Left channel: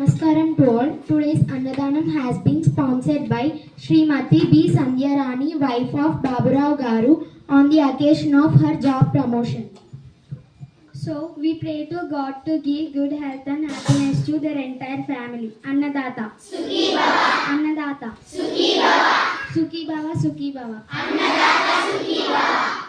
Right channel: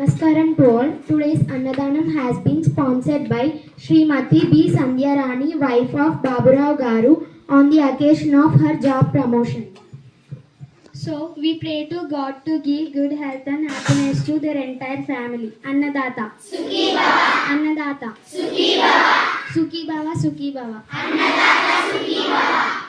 Namaskaram to all. Today's Annadanam has been sponsored by Srimati B. Sandhyarani, wife of Baburao Garu, on the occasion of her job promotion. So, we pray to God to give good health and happiness to their entire family. Annadata. Sukhi Baba. Annadata. Sukhi Baba. Sukhi Baba, Sukhi Baba. Annadata Sukhi Baba.